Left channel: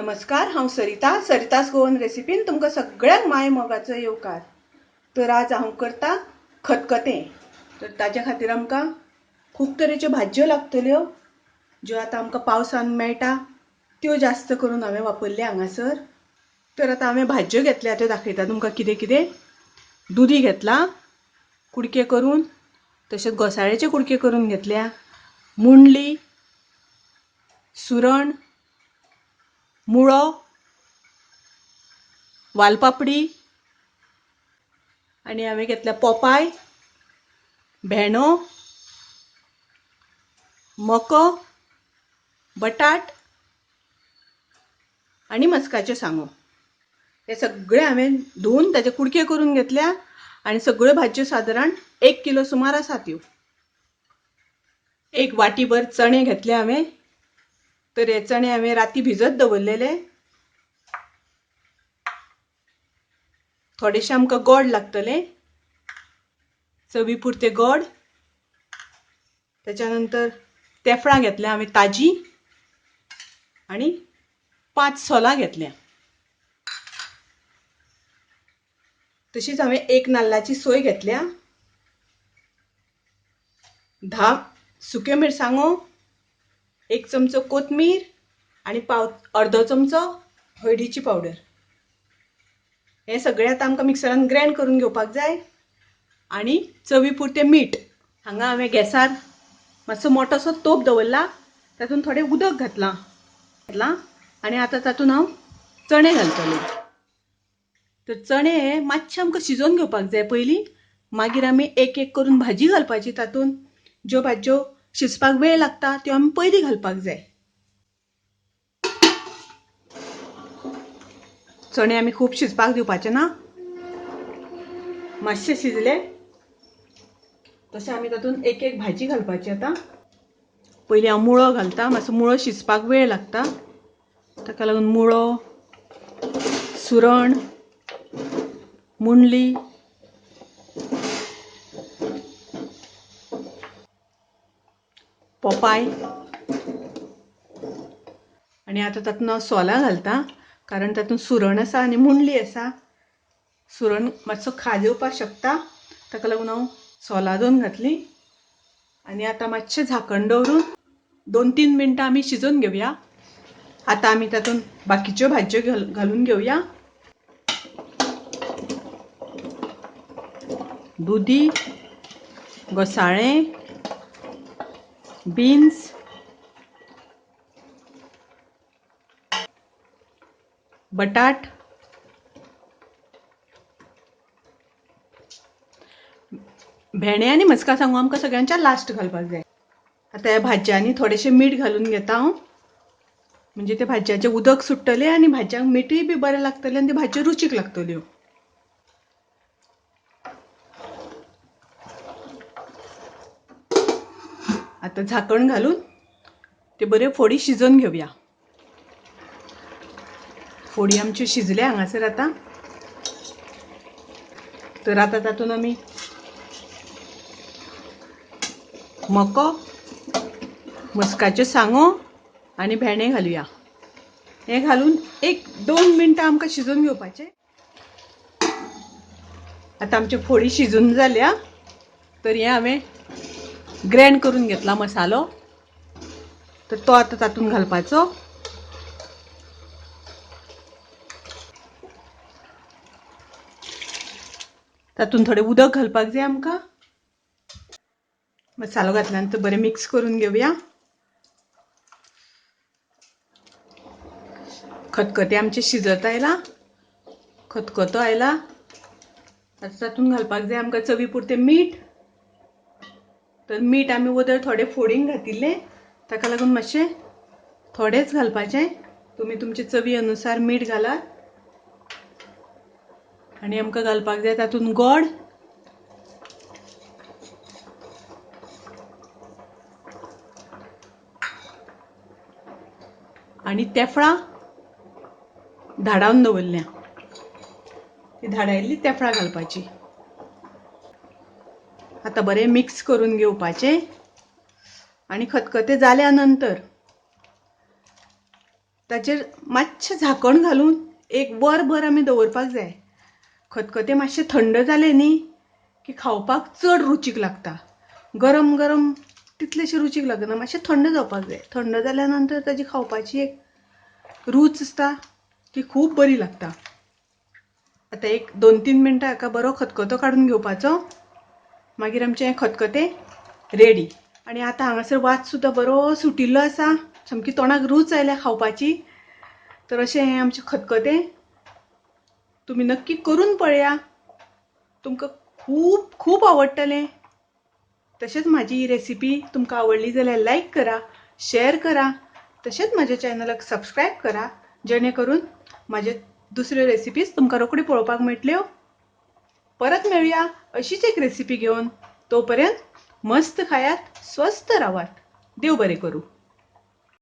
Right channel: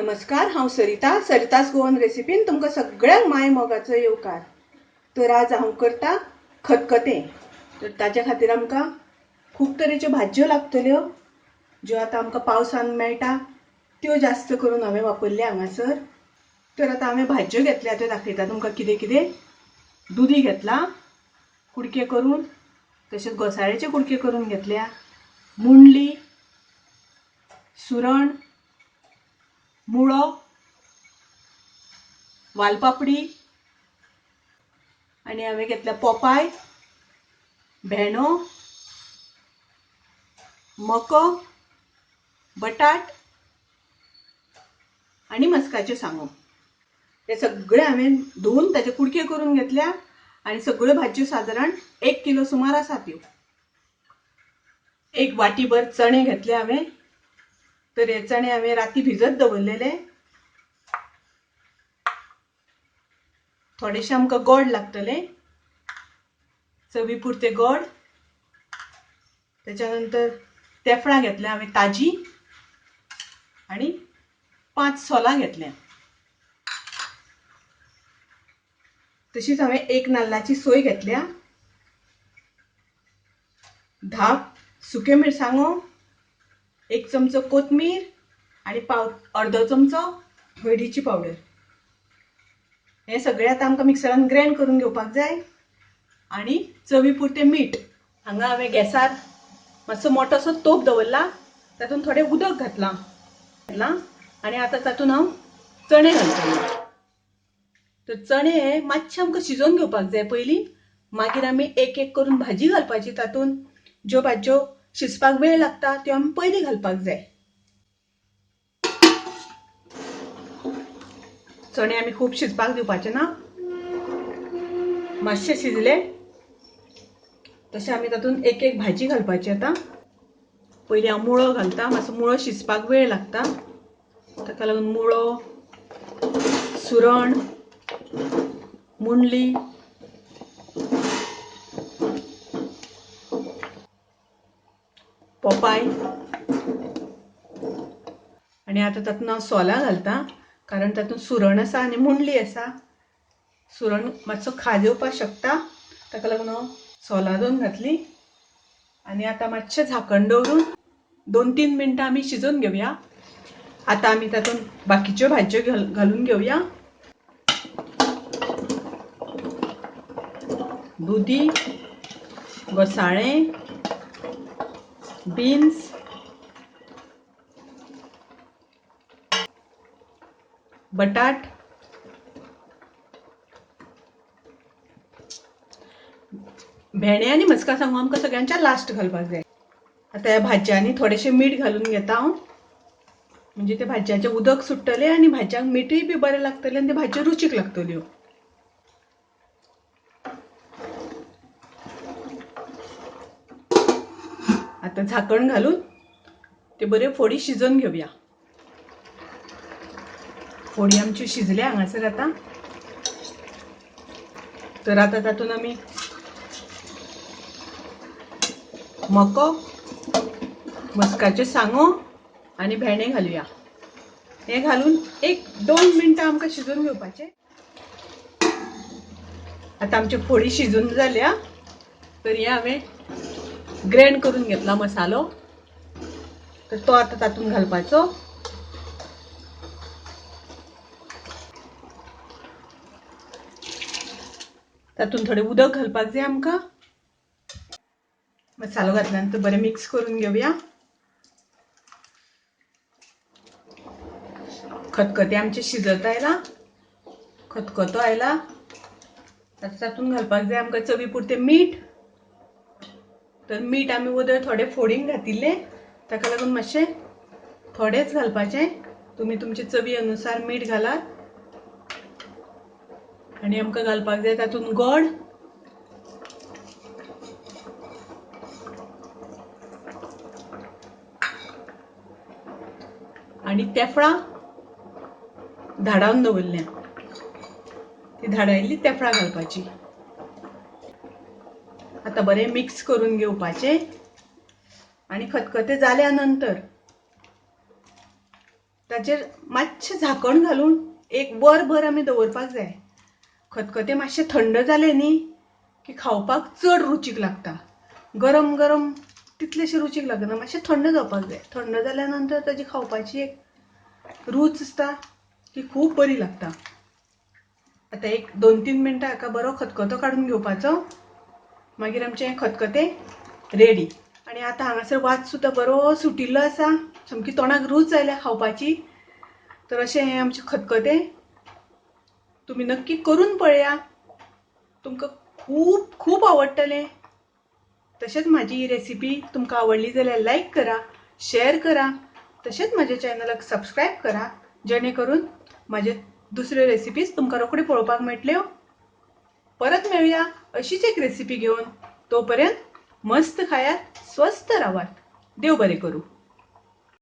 नमस्कार, हांव सरितास गोवन रेसिपीन तुमकां सगळ्यांक माय मोगाचो येवकार। तर आज हांव करता खतखतें। तर ताजे खातीर आमकां खूब तरेच्यो भाजयो लागतल्यो, ज्यो आतां आमकां पावसान मेळटा त्यो जास्त करून हांवें वापरल्या हांगासर। तर आतां हांवें भाजयो घेतल्या त्यो दाखयता तुमकां कितें कितें। दुदी घेतला कुडके करून, तशेंच घोसाळ्याचे कुडके करून घेतल्या, मुंडली, सुरण, मुळो, वालपापडी आणि हांवें घेतल्या पोपाय, भेंडो, मको, बटाट आणि मस्काच्यो सांगो। हे सगळे हांवें धुवन ताजे कुडके करून घेतल्या आणि सगळ्यो भाजयो सादारण 1 किलो सुमार आसा त्यो। एक वाटीभर चणे घेतले हांवें। तर हे चणे हांवें राती भिजत दवरलेले। थोडेशे आमकां गोड लागतले, चवी पुरते गोड। त्याच्यानंतर तेफळां घेतल्या हांवें ताजी आणि 5 सोलां घेतल्या। तशीच हांवें 1 नाल्लाची सोय घेतल्या, 10 सुक्यो मिरसांगो, 1 चमचो कोथमीर आणि अर्धो चमचो हळदीची पावडर। हे सगळे आतां आमकां मिक्सरान ग्राइंड करून घेवपाक जाय। आणि चवी पुरते मीठ। हांगा हांवें गॅसार मातसो मोठोसो तोप दवरला, तातूंत थोडें उदक घातलां आणि आतां तातूंत हांव चणे घालतलें। तर चणे हे मातशे आमकां शिजोवन घेवपाक जाय पयलीं, मागीर आमी एक एक करून भाजी घालपाची तातूंत। ज्यो भाजयो शिजपाक वेळ लागता त्यो आमी पयलीं घालपाक जाय। चणे आमी खूब शिजपाक दिवपाचे ना, मातशे शिजले तशें आमी तातूंत एक एक भाजी घालपाची। आतां पयलीं हांव मुळो घालता, मातसो मुळो शिजपाक वेळ लागता, ताका लागून मुळो, सुरण, मुंडली, पोपाय आणि आतां तातूंत हांव सोलां घालता, कारण तातूंत सुरण आसा आनी मुंडली आसा। सुरण मातसो खाज येवपाक शकता, ताका लागून हांव सोलां 2 घातलीं। आणि आतां मातशें झाकण दवरून 2-3 मिनटां आमी शिजोवन घेवया। आतां आमी तातूंत बाकीच्यो भाजयो घालून घेवया। दुदी, घोसाळें, बीन्स, बटाट, भेंडे आनी मस्का सांगो आमकां सगळ्यांच्या लास्ट घालपाक जाय। आतां ह्या भाजयांनी थोडेशें मीठ घालून घेता हांव, म्हणजे ते भाजयांचें उदक सुट्टलें आनी भाजयांक मीठूय बी बरें लागतलें आनी त्यो भाजयो रुचीक लागतल्यो। आतां झाकण घालून ते बऱ्यो फोडी शिजोवन घेवया। फोडी आमच्यो शिजल्या हांगासर आतां। तर आतां तातूंत आमी मको, मस्काच्यो सांगो आनी भेंडे घालुया। हे घालून 1-2 मिनटां आमकां शिजोवन घेवपाचें। आतां आमच्यो फोडी शिजून जाल्या। तर हे हांवें ग्राइंड करून घेतला मसालो, तर तो आतां तातूंत घालपाचो। तातूंत थोडें उदक घालपाक जाय आमकां। मसालो घातल्यानंतर बरें मिक्स करून घेवया। खतखतें आमचें शिजत आयलां, खतखतो आयला। तातूंत घालपाक जाय आमकां चवी पुरतें मीठ। तर मीठ आमी वदळ थोडें फोडींक घातिल्लें, ताका लागून मातशें थोडेंच घालपाचें। तुमी तुमचे चवी अनुसार मीठ घालात। आणि आमकां घालपाक जाय तातूंत गोड, आणि तेफळां धाडावन दवरल्या, ती धाडायिल्ली तेफळां घालपाची। आतां बरें मिक्स करून घेवपाचें। आणि खतखतें जाल्या नंतर ताचेर मातशें झाकण घालून एक वरभर आमी दवरपाक जाय. खतखतें मातशें थंड जालें न्ही की खावपाक चड रुचीक लागता. गरम गरम तितलेशें रुचीक लागना, मातशें थंड जावपाक जाय. थंड जाल्या नंतर ताची खावपाची एक रूच आसता की खूब बरी लागता. आतां एक 2-3 मिनटां हाका बरो खतखतो काडून घेवपाचो. मागीर आमचें हें खतखतें रेडी. आनी आतां हांगासर वास सुद्दां बरो सुटिल्लो आसा, सामकी तोंडाक रूच आयल्या खावपाची. तर अशें हें आमचें खतखतें तुमी नक्की करून पळया. तुमकां खूब खूब आवडटलें. तशेंच म्हाजी ही रेसिपी तुमकां आवडली जाल्यार लायक करा, शेअर करा. तशेंच म्हाज्या चॅनलाक सबस्क्रायब करा, जेणे करून म्हाजे दुसऱ्यो रेसिपीज तुमकां रोखडी पळोवपाक मेळटल्यो. परत मेळुया अशीच एक रेसिपी घेवन. तोपर्यंत मस्त खायात, स्वस्थ रावात. देव बरें करूं.